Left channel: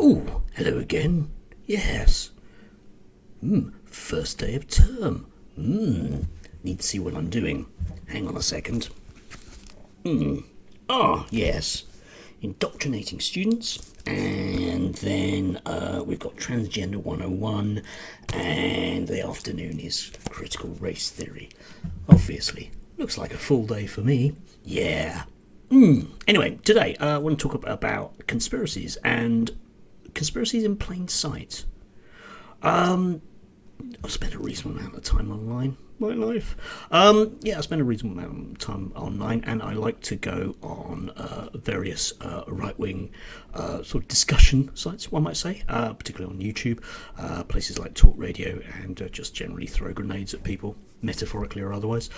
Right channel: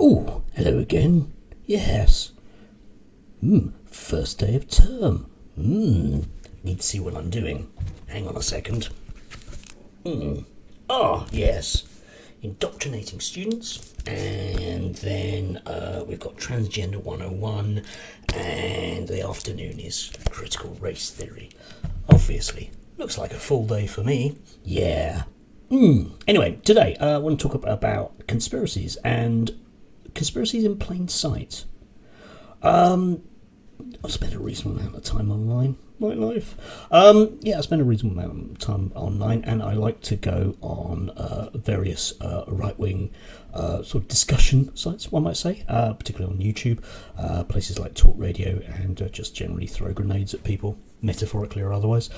Oh, hello again. Yes. First day of term. Need to see what I'm doing. Hang on a second. Yes. Indoctrinating students. And then we've got Transgender 101. And the afternoon is critical race theory. Obviously. Looks like a full day for me. Yeah. Anyway, today I want to talk about conspiracies and conspiracies in plain sight. I've spent a reasonable amount of time online. My life. I spend a reasonable amount of time online, and I like to go on various right-wing sort of discussion sites, one might say, particularly on YouTube, places like Talk Radio, and just generally throw grenades at people, metaphorically or otherwise.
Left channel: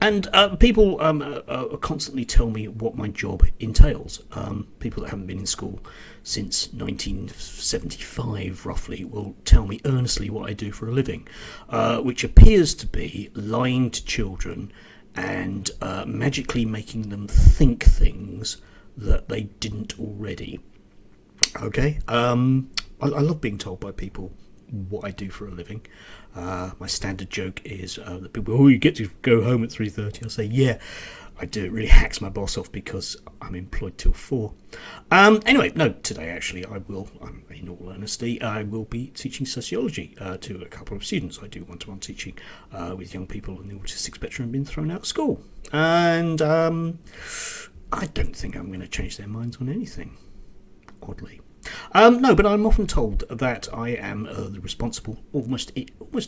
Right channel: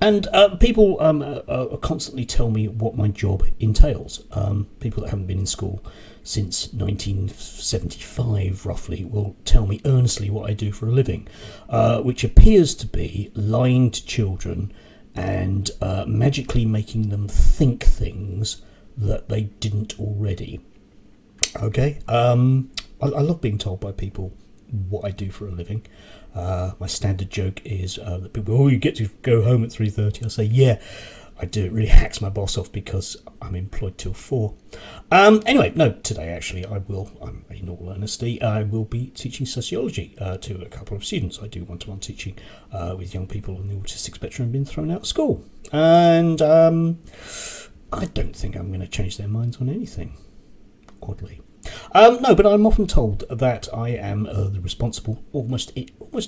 And people constantly tell me what my job entails. People that haven't been in school since 1975, roughly, will tell me earnestly what I do for a living, which appears to be lying to children and magically making them think things that they didn't already. Okay? I love being told by people what I do for a living. My standard joke is that people, you get to go home at 3:30. I say, yeah, I do. It really hacks my boss off because I'm employed till 4. Anyway, no, today actually in all honesty, I will be teaching sociology to a couple of students. I do one-to-one teaching with young people on the autistic spectrum being thrown out of school. And I don't think I'm going to change their minds on anything, oddly. No, but I'm often told that I am the responsible, almost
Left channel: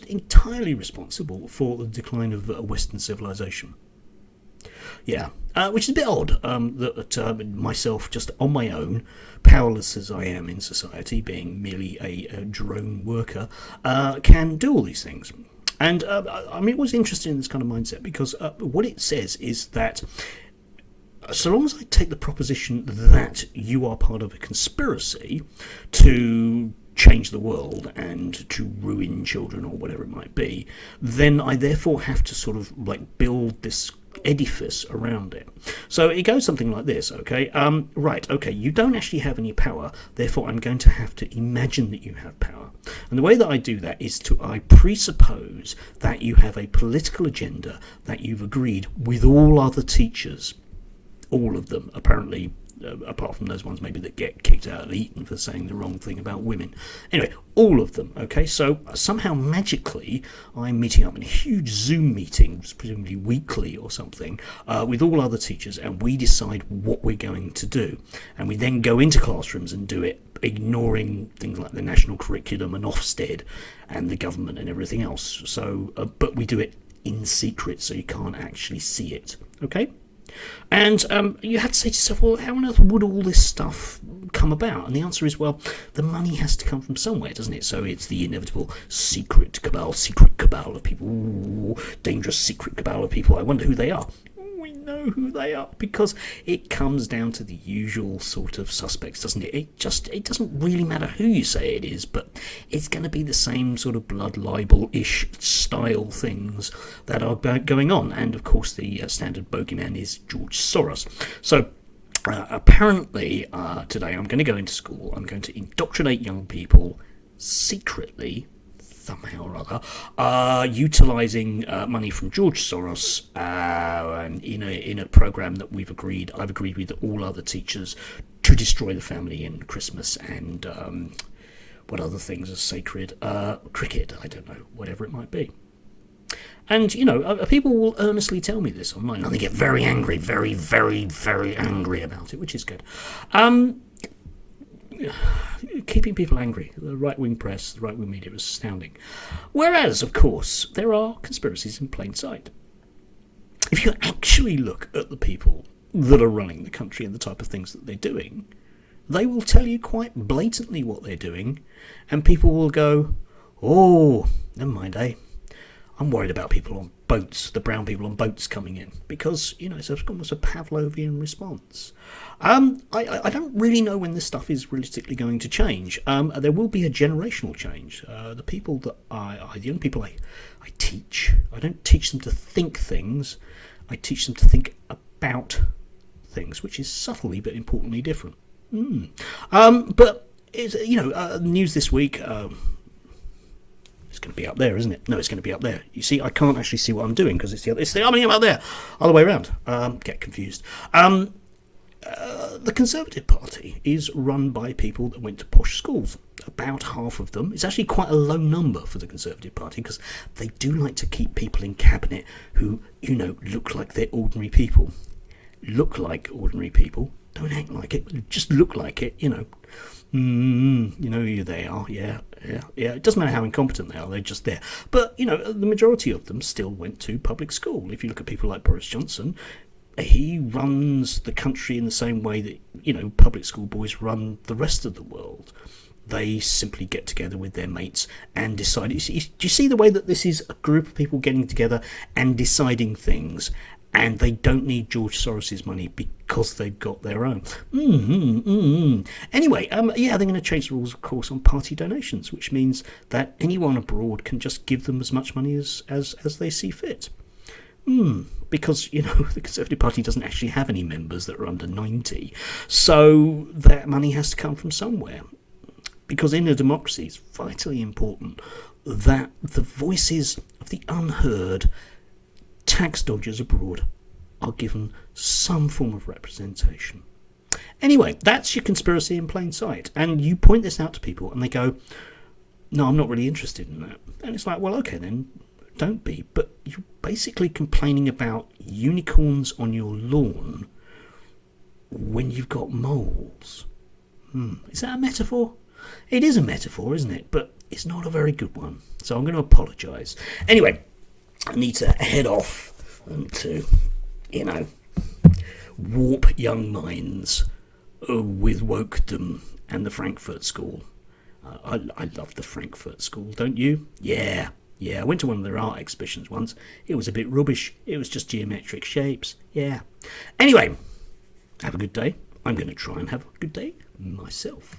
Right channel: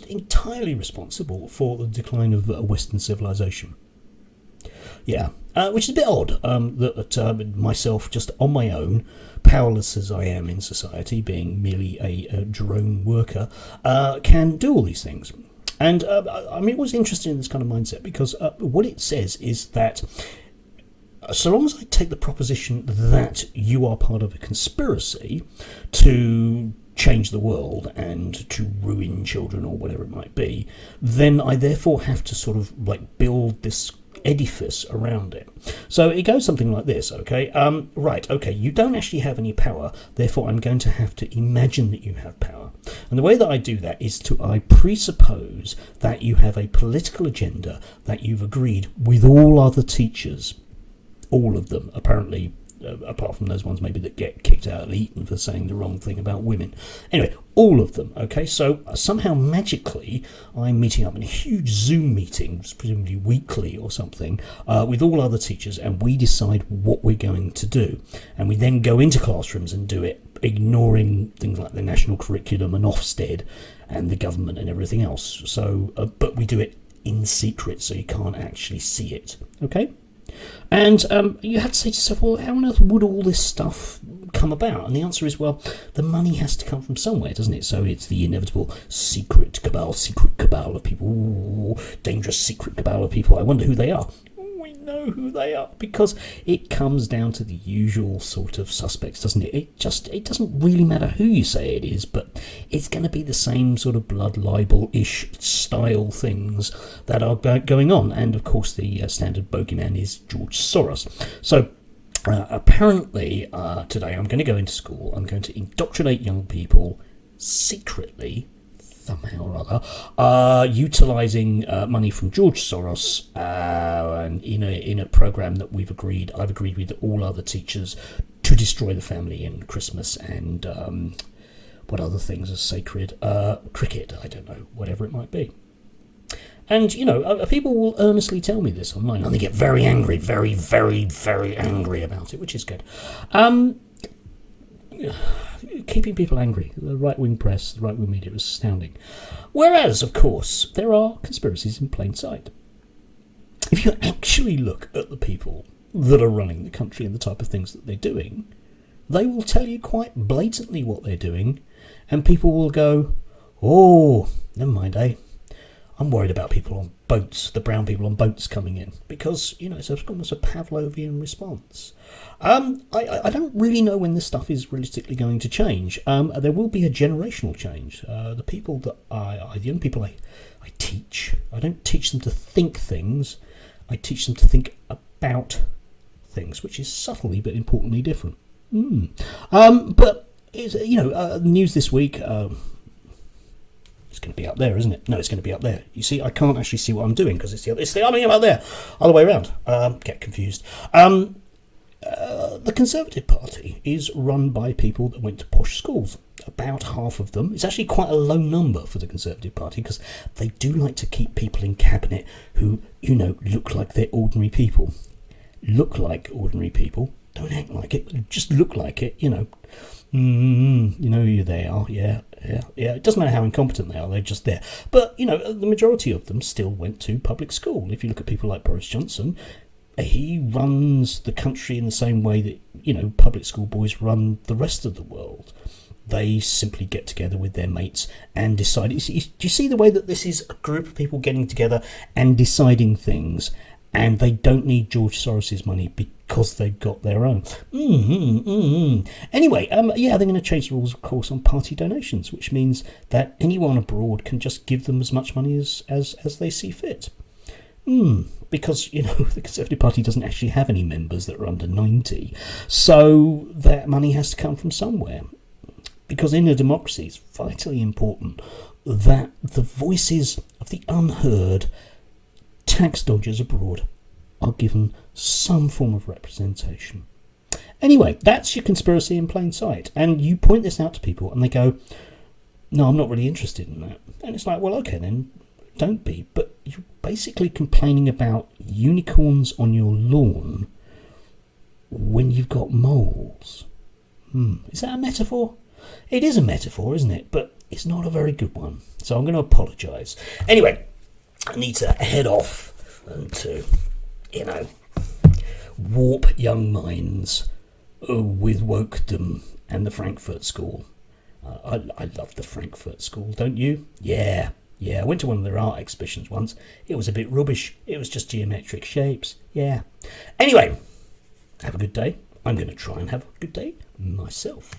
entirely responsible for the decline of Western civilization. Yeah, which is a bit odd that myself, just on my own, powerless as I am in society, being merely a drone worker, can do all these things. And it was interesting in this kind of mindset because what it says is that so long as I take the proposition that you are part of a conspiracy to change the world and to ruin children or whatever it might be, then I therefore have to sort of like build this edifice around it. So it goes something like this, okay? You don't actually have any power, therefore I'm going to have to imagine that you have power. And the way that I do that is I presuppose that you have a political agenda that you've agreed with all other teachers. All of them, apparently, apart from those ones maybe that get kicked out of Eton for saying the wrong thing about women. Anyway, all of them, okay? So somehow magically I'm meeting up in a huge Zoom meeting, presumably weekly or something, with all other teachers, and we decide what we're going to do. And we then go into classrooms and do it, ignoring things like the national curriculum and Ofsted and the government and everything else. So, but we do it in secret, so you can't actually see it, okay? And you have to say to yourself, well, how on earth would all this stuff come about? And the answer is, well, the money has to come from somewhere, doesn't it? So it's the inevitable secret cabal of people. Ooh, dangerous secret cabal of people. I wonder who they are. We know who they are because it comes down to the usual sort of suspects, doesn't it? It doesn't really matter who you say it is, but it's going to be the same sort of blood libel-ish style things that are going on. And of course, the standard bogeyman is George Soros. So apparently, today I'm going to go into school. I'm going to indoctrinate young people secretly, somehow or other, utilising money from George Soros, and in a program that I've agreed with all other teachers to destroy the family in Christmas and what other things are sacred? Cricket, I don't know, whatever it might be. And, people will earnestly tell me this online, and they get very angry, very, very, very angry about it, which is good. Keeping people angry, the right-wing press, the right-wing media is astounding. Whereas, of course, there are conspiracies in plain sight. If you actually look at the people that are running the country and the type of things that they're doing, they will tell you quite blatantly what they're doing, and people will go, oh, never mind, I'm worried about people on boats, the brown people on boats coming in, because, it's almost a Pavlovian response. I don't really know when this stuff is realistically going to change. There will be a generational change. The people that the young people I teach, I don't teach them to think things, I teach them to think about things, which is subtly but importantly different. But is, you know, news this week. It's going to be up there, isn't it? No, it's going to be up there. You see, I can't actually see what I'm doing because it's the up there, other way around. Get confused. The Conservative Party is run by people that went to posh schools. About half of them. It's actually quite a low number for the Conservative Party because they do like to keep people in cabinet who, you know, look like they're ordinary people. Look like ordinary people. Don't act like it. Just look like it, you know. You know who they are. Yeah. It doesn't matter how incompetent they are, they're just there. But, you know, the majority of them still went to public school. If you look at people like Boris Johnson, he runs the country in the same way that, you know, public school boys run the rest of the world. They simply get together with their mates and decide. Do you see the way that this is a group of people getting together and deciding things? And they don't need George Soros's money because they've got their own. Anyway, they're going to change the rules, of course, on party donations, which means that anyone abroad can just give them as much money as they see fit. Because, you know, the Conservative Party doesn't actually have any members that are under 90. So that money has to come from somewhere. Because in a democracy, it's vitally important that the voices of the unheard tax dodgers abroad are given some form of representation. Anyway, that's your conspiracy in plain sight. And you point this out to people and they go, no, I'm not really interested in that. And it's like, well, okay, then don't be. But you're basically complaining about unicorns on your lawn when you've got moles. Is that a metaphor? It is a metaphor, isn't it? But it's not a very good one. So I'm going to apologise. Anyway, I need to head off and to, you know, warp young minds with wokedom and the Frankfurt School. I love the Frankfurt School, don't you? Yeah, I went to one of their art exhibitions once. It was a bit rubbish. It was just geometric shapes. Yeah. Anyway, have a good day. I'm going to try and have a good day myself.